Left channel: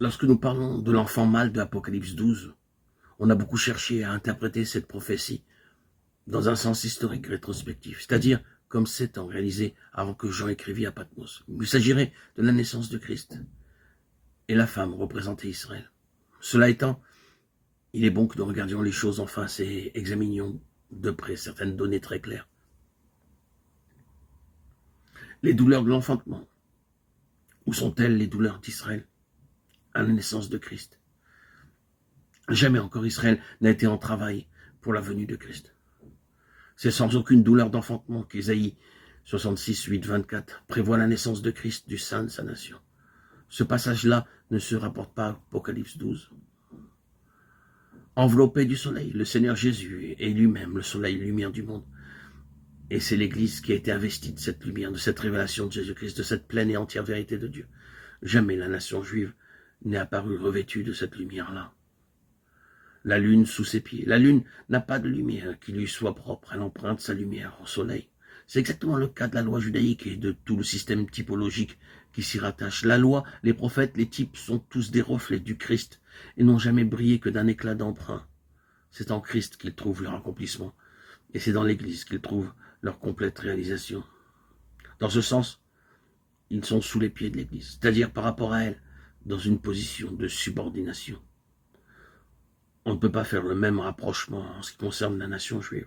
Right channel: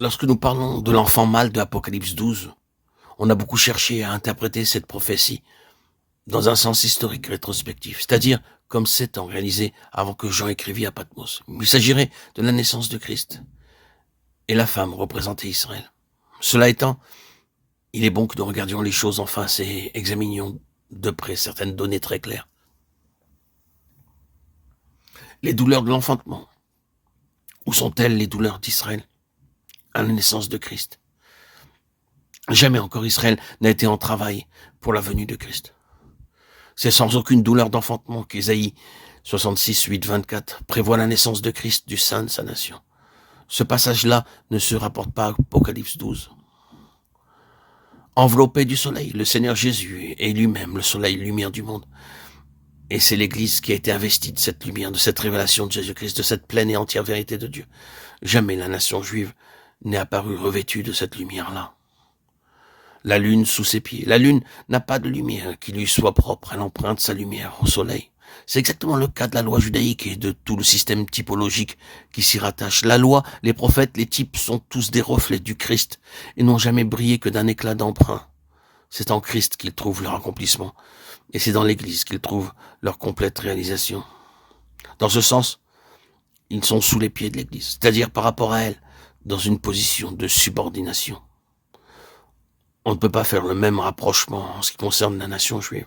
Lorsque nous parlons de l'enfant mâle de Apocalypse 12, on a beaucoup cherché à interpréter cette prophétie dans un sens historique rétrospectif, c'est-à-dire comme 7 ans réalisés avant que Jean écrivit à Patmos. Il s'agirait de la naissance de Christ et la femme représentait Israël. Cela étant, il est bon que nous regardions les choses en face et examinions de près certaines données très claires. Les douleurs de l'enfantement. Où sont-elles les douleurs d'Israël à la naissance de Christ? Jamais encore Israël n'a été en travail pour la venue de Christ. C'est sans aucune douleur d'enfantement qu'Ésaïe 66, 8, 24 prévoit la naissance de Christ du sein de sa nation. Ce passage-là ne se rapporte pas à Apocalypse 12. Enveloppé du soleil, le Seigneur Jésus est lui-même le soleil, lumière du monde. Et c'est l'Église qui a été investie de cette lumière, de cette révélation de Jésus-Christ, de cette pleine et entière vérité de Dieu. Jamais la nation juive n'est apparue revêtue de cette lumière-là. La lune sous ses pieds. La lune n'a pas de lumière qui lui soit propre. Elle emprunte sa lumière au soleil. C'est exactement le cas de la loi judaïque et de tout le système typologique qui s'y rattache. La loi, les prophètes, les types sont tous des reflets du Christ et n'ont jamais brillé que d'un éclat d'emprunt. C'est en Christ qu'ils trouvent leur accomplissement et c'est dans l'Église qu'ils trouvent leur complète réalisation. Dans ce sens, ils sont sous les pieds de l'Église, c'est-à-dire par rapport à elle, dans une position de subordination. On ne peut pas faire le même rapprochement en ce qui concerne la nation juive.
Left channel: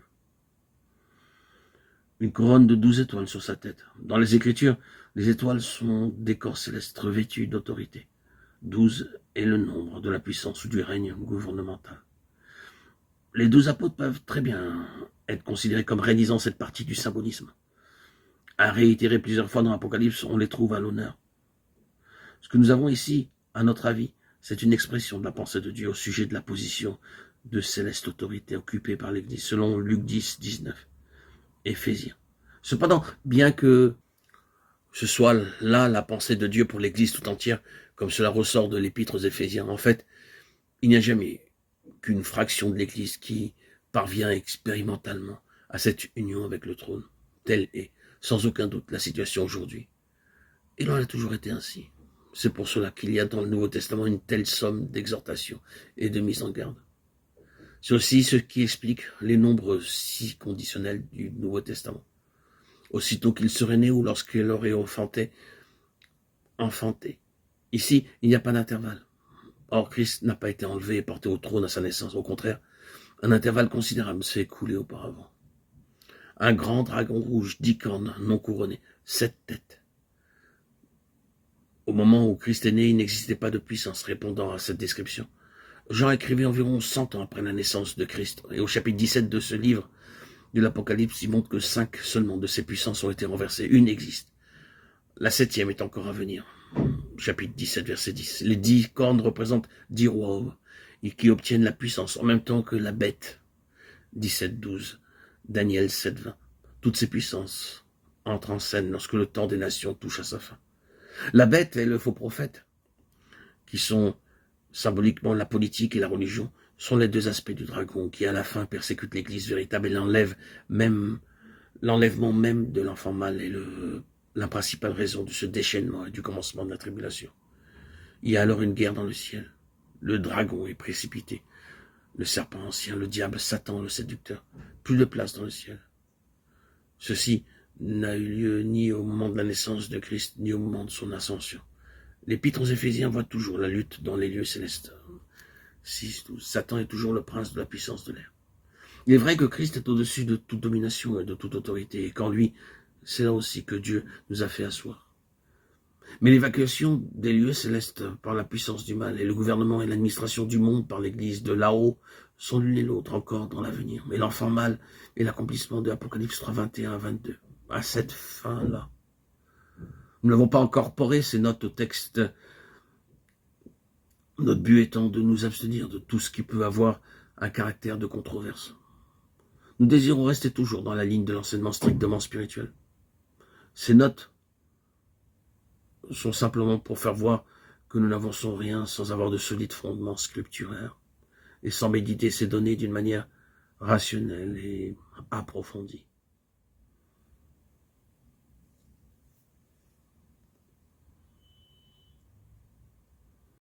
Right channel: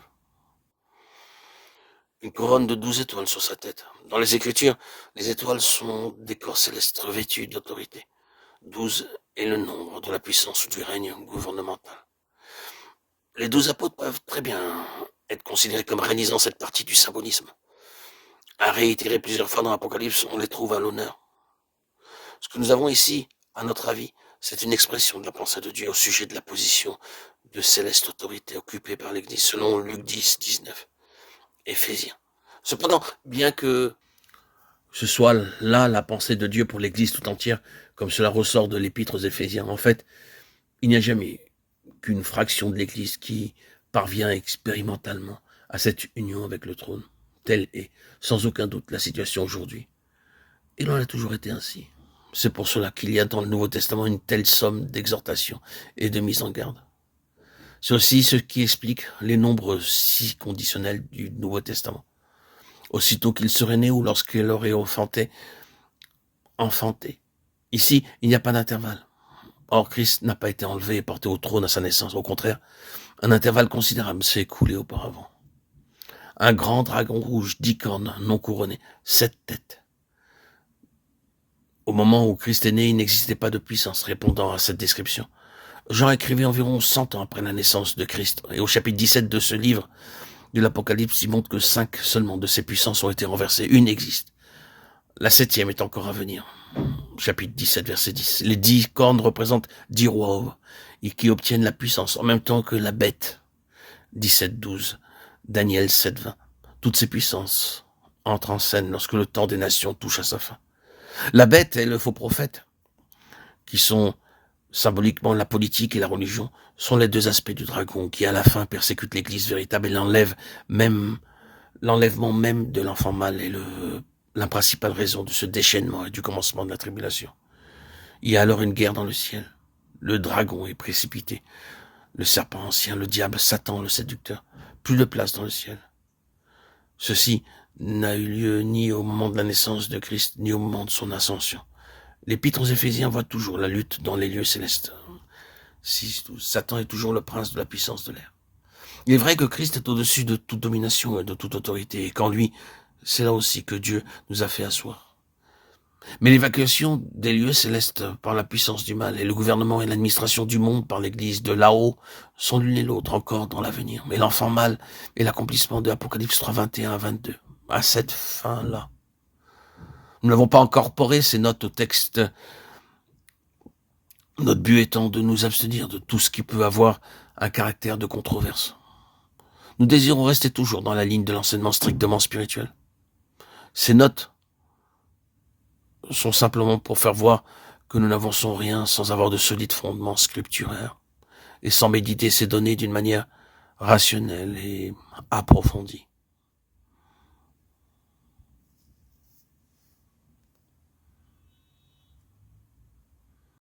Une couronne de 12 étoiles sur sa tête. Dans les Écritures, les étoiles sont des corps célestes revêtus d'autorité. 12 est le nombre de la puissance ou du règne gouvernemental. Les 12 apôtres peuvent très bien être considérés comme réalisant cette partie du symbolisme. À réitérer plusieurs fois dans l'Apocalypse, on les trouve à l'honneur. Ce que nous avons ici, à notre avis, c'est une expression de la pensée de Dieu au sujet de la position de céleste autorité occupée par l'Église, selon Luc 10, 19, Éphésiens. Cependant, bien que ce soit là la pensée de Dieu pour l'Église tout entière, comme cela ressort de l'épître aux Éphésiens, en fait, il n'y a jamais qu'une fraction de l'Église qui parvient expérimentalement à cette union avec le trône. Telle est, sans aucun doute, la situation aujourd'hui. Et l'on a toujours été ainsi. C'est pour cela qu'il y a dans le Nouveau Testament une telle somme d'exhortations et de mise en garde. C'est aussi ce qui explique les nombreux si conditionnels du Nouveau Testament. Aussitôt qu'il serait né ou lorsqu'il aurait enfanté. Ici, il n'y a pas d'intervalle. Or, Christ n'a pas été enlevé et porté au trône à sa naissance. Au contraire, un intervalle considérable s'est écoulé auparavant. Un grand dragon rouge, 10 cornes, non couronné, 7 têtes. Au moment où Christ est né, il n'existait pas de puissance répondant à cette description. Jean écrivait environ 100 ans après la naissance de Christ. Et au chapitre 17 de ce livre de l'Apocalypse, il montre que 5 seulement de ces puissances ont été renversées. Une existe. La 7e est encore à venir. Chapitre 17, verset 10. Les 10 cornes représentent 10 rois qui obtiennent la puissance en même temps que la bête. 17, 12. Daniel 7, 20. Toutes ces puissances entrent en scène lorsque le temps des nations touche à sa fin. La bête et le faux prophète, qui sont symboliquement la politique et la religion, sont les deux aspects du dragon qui à la fin persécutent l'église véritable et l'enlèvement même de l'enfant mâle est la principale raison de ce déchaînement et du commencement de la tribulation. Il y a alors une guerre dans le ciel. Le dragon est précipité. Le serpent ancien, le diable, Satan, le séducteur. Plus de place dans le ciel. Ceci n'a eu lieu ni au moment de la naissance de Christ, ni au moment de son ascension. L'épître aux Éphésiens voit toujours la lutte dans les lieux célestes. 6, 12. Satan est toujours le prince de la puissance de l'air. Il est vrai que Christ est au-dessus de toute domination et de toute autorité, et qu'en lui, c'est là aussi que Dieu nous a fait asseoir. Mais l'évacuation des lieux célestes par la puissance du mal et le gouvernement et l'administration du monde par l'Église de là-haut sont l'une et l'autre encore dans l'avenir. Mais l'enfant mâle est l'accomplissement de Apocalypse 3, 21 à 22. À cette fin-là. Nous n'avons pas incorporé ces notes au texte, notre but étant de nous abstenir de tout ce qui peut avoir un caractère de controverse. Nous désirons rester toujours dans la ligne de l'enseignement strictement spirituel. Ces notes sont simplement pour faire voir que nous n'avançons rien sans avoir de solides fondements scripturaires et sans méditer ces données d'une manière rationnelle et approfondie.